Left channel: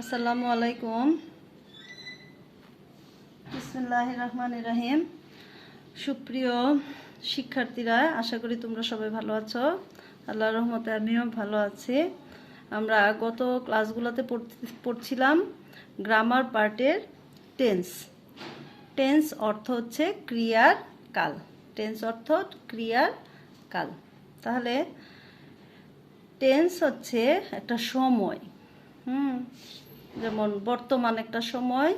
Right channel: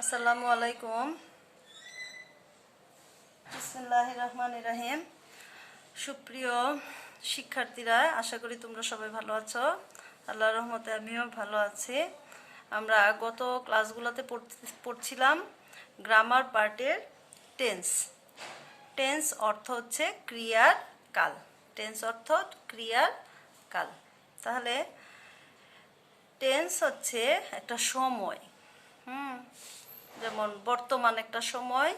আসসালামু আলাইকুম। বিসমিল্লাহির রহমানির রহিম। সুপ্রিয় শিক্ষার্থীরা, আশা করি তোমরা সবাই ভালো আছো। আল্লাহর রহমতে আমিও ভালো আছি। আমরা গত ক্লাসগুলোতে পড়ছিলাম গ্রামার পার্টের টেন্স। টেন্স অর্থ হচ্ছে ক্রিয়ার কাল। টেন্স অর্থ ক্রিয়ার কাল। তাহলে টেন্স হচ্ছে একটা সময়। যেমন বর্তমান একটা সময়,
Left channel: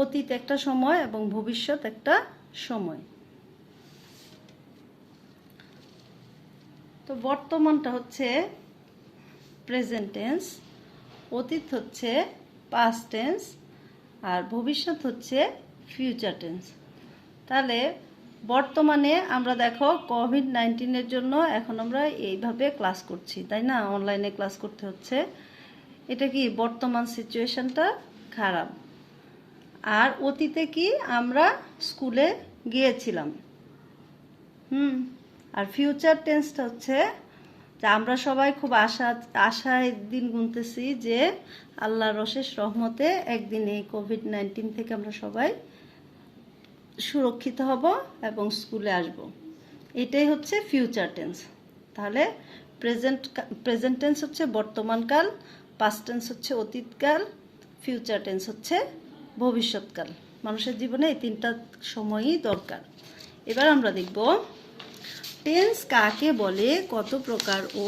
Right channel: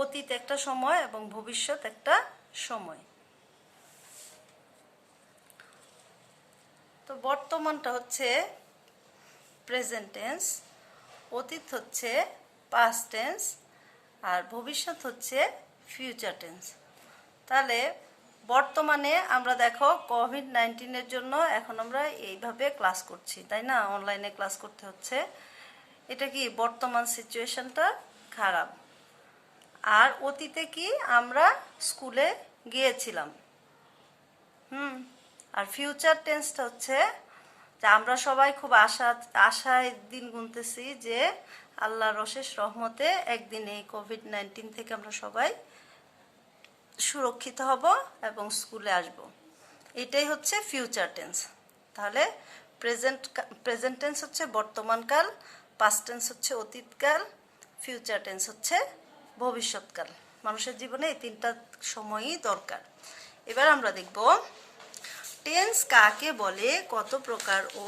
অতীত একটা সময় এবং ভবিষ্যৎ একটা সময়। তো বর্তমানটা হচ্ছে প্রেজেন্ট টেন্স, অতীত হচ্ছে পাস্ট টেন্স, আর ভবিষ্যৎ হচ্ছে ফিউচার টেন্স। তাহলে বর্তমানে আমরা দেখো কোভিড-19 জন্য এখন আমরা এইভাবে ক্লাস করছি, তাই না? অনলাইনে ক্লাস করতে হচ্ছে। এটা কি বর্তমান সিচুয়েশনটা খারাপ। আর অতীতে কি আমরা স্কুলে গিয়েছিলাম। আর ফিউচার টেন্সটা হচ্ছে যে আমরা সবাই খুব আশায় দিন গুনতেছি যে আল্লাহর অশেষ রহমতে একদিন এই কোভিড-19 থেকে আমরা সবাই সুরক্ষিত হব এবং স্কুলে আসব। এটাই হচ্ছে ফিউচার টেন্স। তাহলে প্রেজেন্ট টেন্স হচ্ছে বর্তমানকাল, পাস্ট টেন্স হচ্ছে অতীতকাল, ফিউচার টেন্স হচ্ছে ভবিষ্যৎকাল। মানুষের জীবনে এই তিনটা সময়ই দরকার। এবার আমরা দেখব টেন্স কাকে বলে, কত প্রকার ও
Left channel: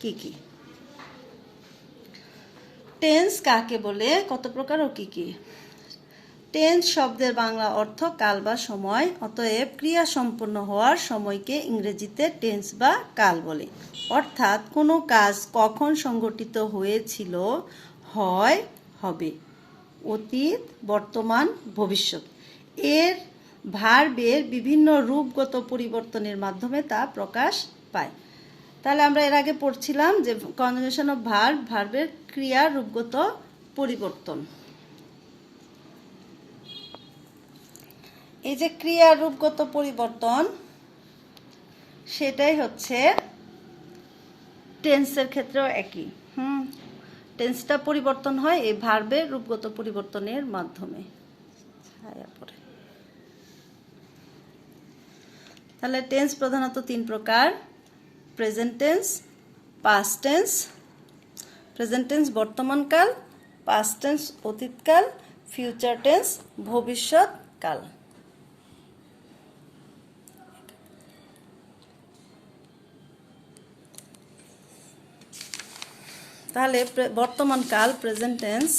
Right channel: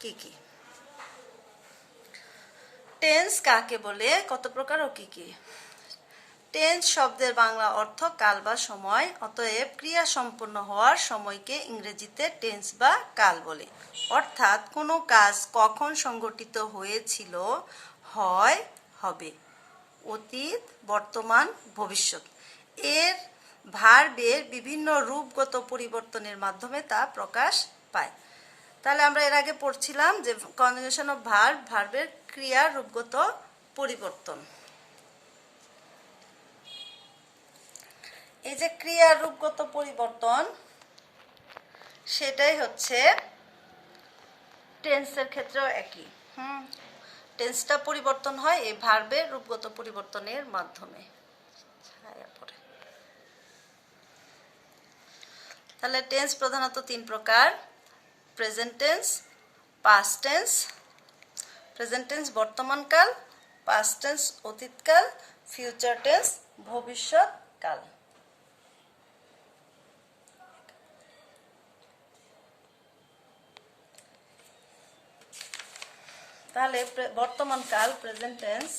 কি কি। টেন্স কাকে বলে, কত প্রকার ও কি কি। টেন্স শব্দের বাংলা অর্থ কাল বা সময়। অতএব ক্রিয়া সম্পন্ন হওয়ার সময়কে ইংরেজিতে টেন্স বা কাল বলে। অর্থাৎ কোনো কাজ কখন সংঘটিত হয়েছিল, হয়, হবে, অতীত, বর্তমান, ভবিষ্যৎ। এর ভার্বের বিভিন্ন রূপগত পরিবর্তনের মাধ্যমে তা প্রকাশ পায়। তাহলে আমরা এর আগে পড়ছিলাম যে কনজুগেশন অফ ভার্বের ক্রিয়ার রূপগত পরিবর্তন। এই যে ক্রিয়ার রূপগত পরিবর্তন, সেটাই হচ্ছে টেন্সের ক্ষেত্রেও একই। টেন্সটা পরিবর্তন হয় এই ভার্বের রূপগত পরিবর্তনের মাধ্যমে। তাহলে টেন্স প্রধানত তিন প্রকার: present tense, past tense. Present tense বর্তমানকাল, পাস্ট টেন্স অতীতকাল, ফিউচার টেন্স ভবিষ্যৎকাল। তাহলে বর্তমানকাল প্রেজেন্ট টেন্স,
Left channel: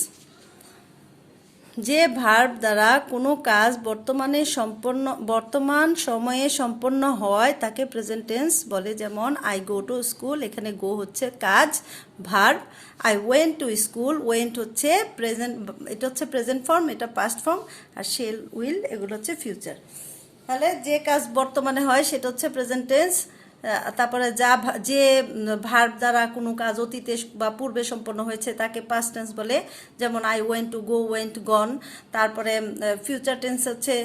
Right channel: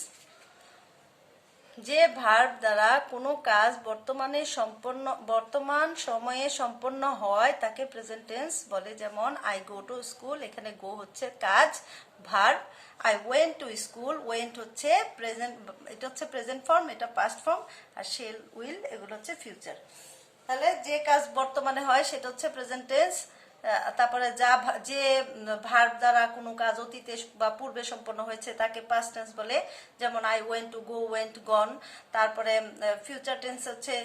যে ভার্ব দ্বারা কোনো কাজ বর্তমান সময়ে সম্পন্ন হয় তাকে প্রেজেন্ট টেন্স বলে। যেমন আই গো টু স্কুল, এখানে গো হচ্ছে কাজ, verb. I went to school, went হচ্ছে প্রেজেন্ট, এটা হচ্ছে প্রেজেন্ট ফর্ম, এটা পাস্ট ফর্ম, আর শেল, উইল এগুলো হচ্ছে ফিউচার। তাহলে যে কাজ বর্তমানে হয় সেটা হচ্ছে প্রেজেন্ট টেন্স। তারপরে যে ভার্ব দ্বারা কোনো কাজ অতীতে বা পূর্বে সম্পন্ন হয়েছে তাকে পাস্ট টেন্স বলে। যেমন I went to, go, went, gone. তারপরে ফিউচার টেন্স হচ্ছে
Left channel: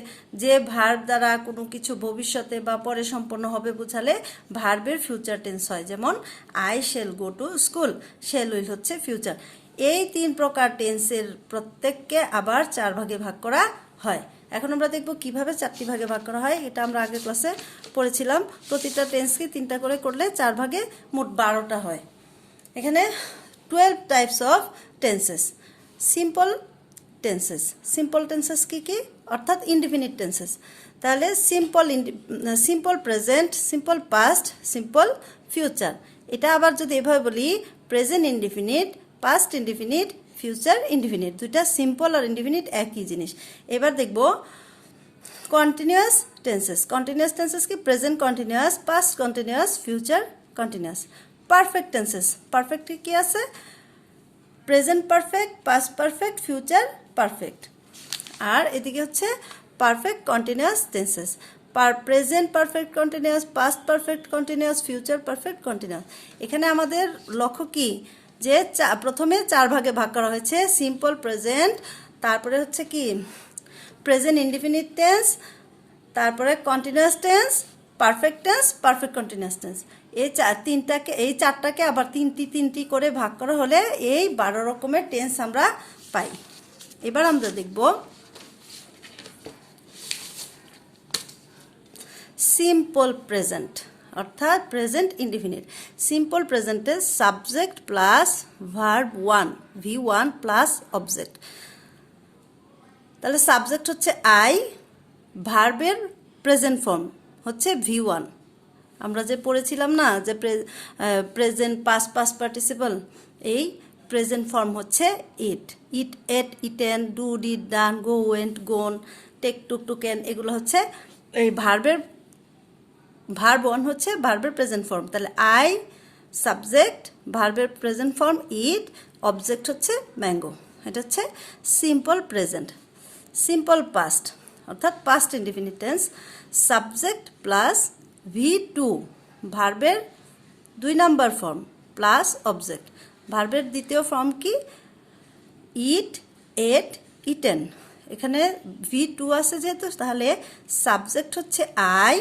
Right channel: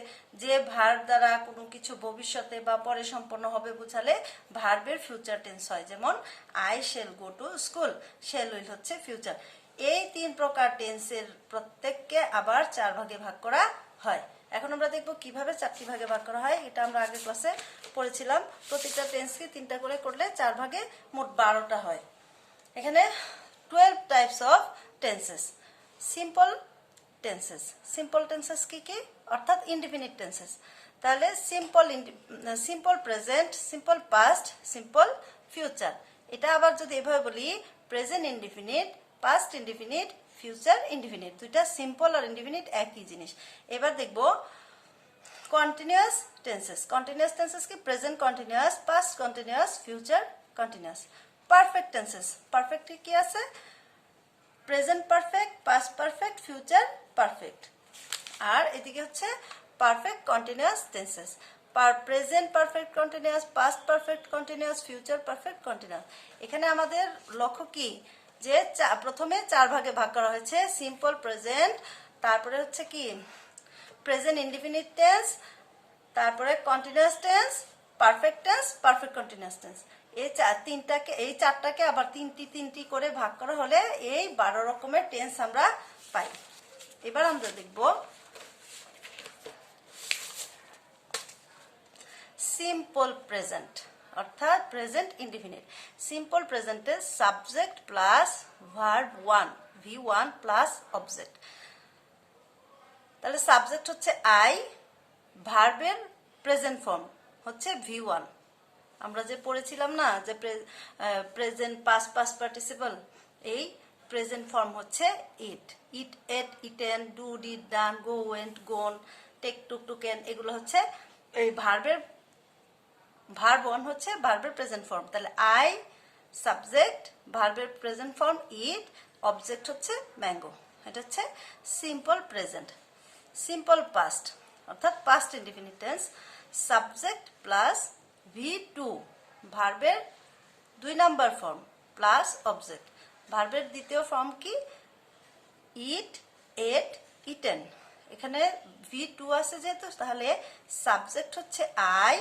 যে ভার্ব দ্বারা কোনো কিছু ভবিষ্যতে বা পরে সম্পন্ন হবে বোঝালে ভার্বের ফিউচার টেন্স হয়। যেমন I shall go to school, shell will হচ্ছে ফিউচার। এই তিন প্রকার টেন্সের প্রত্যেককে আবার 4 ভাগে ভাগ করা হয়। এখন আমরা দেখব কিভাবে 4টি ভাগে ভাগ করা হয়। এটা আমরা আগের ক্লাসে পড়েছিলাম। প্রতিটা টেন্সকে 3টা করে করলে 4 ভাগে মোট 12টা হয়। এখানে 12 types of tenses. Simple tenses. Simple tenses কি কি? অর্থাৎ ইনডিফিনিট টেন্সেস। তাহলে simple present, simple past, simple future. এটা আবার যদি এভাবে বলি, present indefinite, past indefinite, future indefinite. দুইটা সিম্পল আর ইনডিফিনিট একই জিনিস। এবার দেখব কন্টিনিউয়াস টেন্সেস। কন্টিনিউয়াস টেন্সেস কি? Present continuous, past continuous, future continuous. Perfect tenses. Perfect কি আছে? Present perfect, past perfect, future perfect. আর এদিকে হচ্ছে perfect continuous tenses. Present perfect continuous, past perfect continuous, future perfect continuous. এখানে আমাদের লক্ষ্য কি? যে প্রথমে 4 ভাগে ভাগ করা হয়েছে। সিম্পল প্রেজেন্ট, তারপরে হচ্ছে কি প্রেজেন্ট ইনডিফিনিট টেন্স, তারপরে continuous tense, perfect tense, perfect continuous tense. এই চারটাকে আবার তিনটি করে ভাগ করা হলে এই 12 রকমের টেন্স আমরা পাই। এবার আমরা দেখব সিম্পল প্রেজেন্ট, অর্থাৎ প্রেজেন্ট ইনডিফিনিট। সিম্পল প্রেজেন্টে subject plus verb 1 V1 plus object. তাহলে সাবজেক্ট হচ্ছে আই, ভার্বের প্রেজেন্ট ফর্ম হচ্ছে V1। আমরা যে পড়েছিলাম না যে প্রেজেন্ট পাস্ট পার্টিসিপল, এই প্রেজেন্ট ফর্ম হচ্ছে eat, ate, eaten, do, did, done, go, went, gone, take, took, taken, এগুলো হচ্ছে এই ভার্ব 1 হচ্ছে ভার্বের প্রেজেন্ট ফর্ম। তাহলে আই, সাবজেক্ট, ভার্বের প্রেজেন্ট ফর্ম ইট, অবজেক্ট হচ্ছে ম্যাঙ্গো। এটা হচ্ছে সিম্পল প্রেজেন্ট। সিম্পল পাস্ট অর্থাৎ past indefinite tense, subject plus V2 ভার্বের 2 নাম্বার ফর্ম প্লাস অবজেক্ট। ভার্বের দ্বিতীয় ফর্ম কি? ইট, এট, ইটেন। এখানে V2 আছে যেহেতু, তাহলে সাবজেক্ট হচ্ছে আই,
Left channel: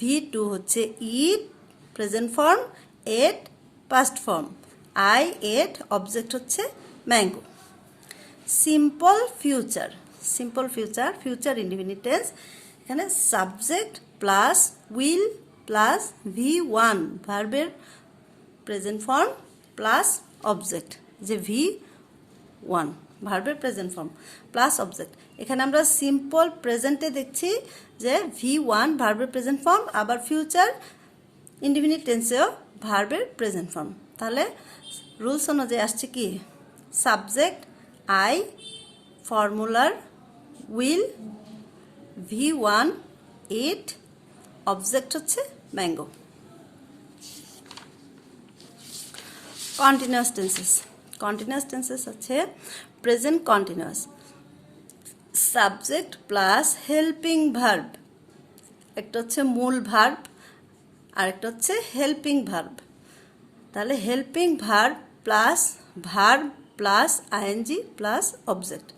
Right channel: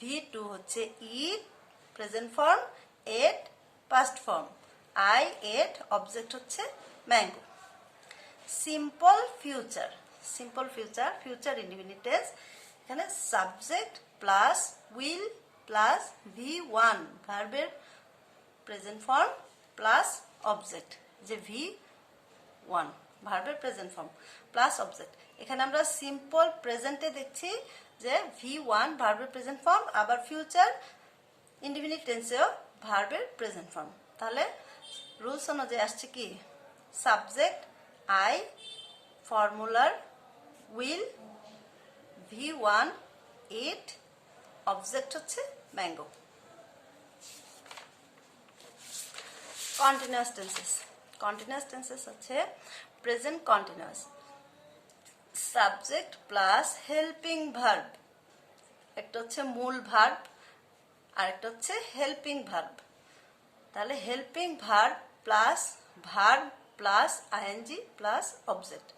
V2 হচ্ছে eat present form, ate past form, I ate, object হচ্ছে mango. Simple future, future indefinite tense, এখানে subject plus will plus V1 ভার্বের প্রেজেন্ট ফর্ম প্লাস অবজেক্ট, যে V1 ভার্বের প্রেজেন্ট ফর্ম প্লাস অবজেক্ট। এখানে আমরা simple প্রেজেন্টে দেখছি যে V1 ভার্বের প্রেজেন্ট ফর্ম, আবার ফিউচার ইনডিফিনিট টেন্সেও ভার্বের প্রেজেন্ট ফর্ম। তাহলে রুলস অনুযায়ী আসছে কি? সাবজেক্ট আই, ফর্মুলার উইল, V1 ইট, অবজেক্ট হচ্ছে ম্যাঙ্গো। কন্টিনিউয়াস টেন্সেস আছে present continuous, subject plus helping verb, একটা হচ্ছে মূল ভার্ব আর একটা হচ্ছে হেল্পিং ভার্ব। তাহলে helping verb plus verb plus ING plus object.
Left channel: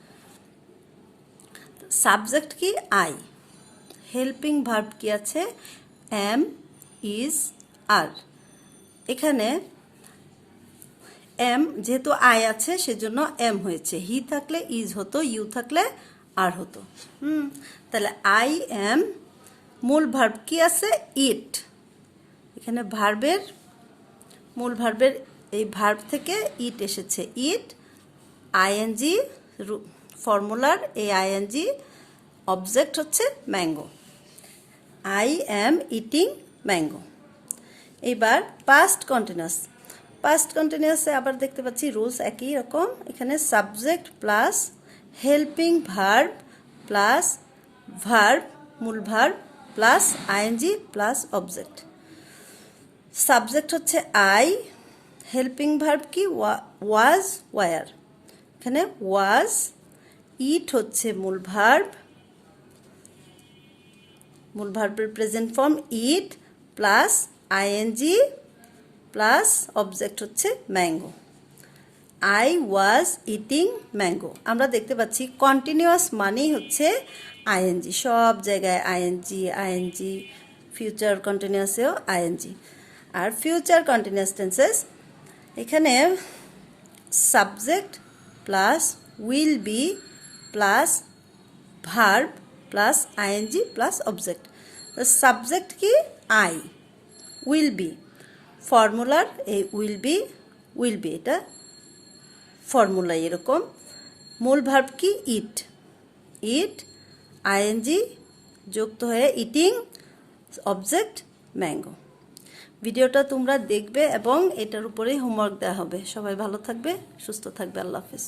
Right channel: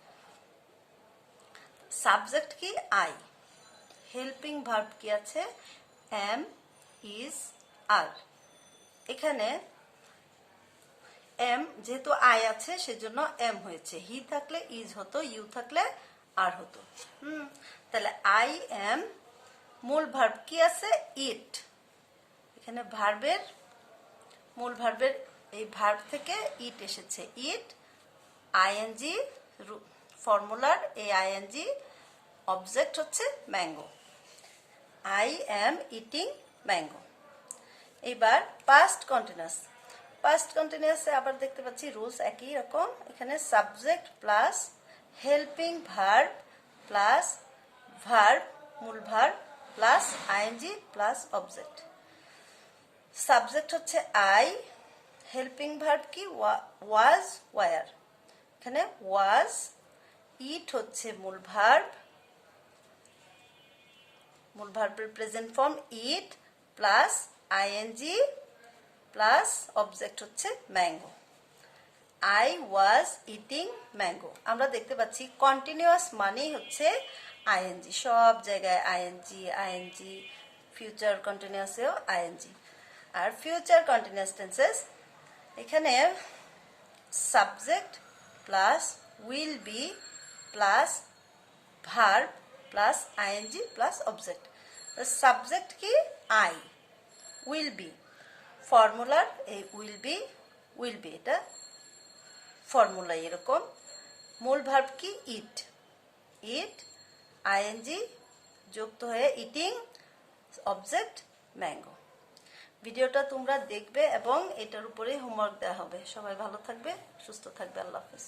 Subject কি? আই, হেল্পিং ভার্ব কি আছে? Am, is, are. এখানে এম যেহেতু আই আছে সেজন্য এম হয়েছে, হি থাকলে ইজ হতো, ইউ থাকলে আর হতো। তাহলে আই এম, মূল ভার্ব কি আছে? ইট। এখানে ভার্বের মূল ভার্বের এই ভার্ব থেকে ইট এসেছে, ইট, আইএনজি ফর্মুলার এই আইএনজি, অবজেক্ট হচ্ছে mango. I am eating mango. এবার পাস্ট কন্টিনিউয়াসে আবার দেখতে পাচ্ছি রুলস একই রকম। এখানে subject plus helping verb plus verb, মূল verb plus ING plus object. Subject হচ্ছে আই, হেল্পিং ভার্ব কি? Was, were. এখানে ওয়াজ, ইট হচ্ছে মূল ভার্বের present form eat plus ING plus object হচ্ছে mango. I was eating mango. আমরা দেখতে পাচ্ছি কন্টিনিউয়াস মানেই হচ্ছে আইএনজি, সব জায়গায় আইএনজি, ফিউচার কন্টিনিউয়াসেও আইএনজি। আর ফিউচার কন্টিনিউয়াস টেন্সেস, এখানে subject plus will be plus verb plus ING plus object. Subject কি? আই, উইল বি, ফর্মুলার এই উইল বি এটা ফর্মুলা এরকম। মূল ভার্ব কি? ইট, আইএনজি যুক্ত হয়ে ইটিং, অবজেক্ট ম্যাঙ্গো। ভিডিওটা তোমরা দেখবে এবং এটার উপরেই হোমওয়ার্ক দেওয়া হবে। সবাই ভালো থাকবে, সুস্থ থাকবে। আল্লাহ হাফেজ।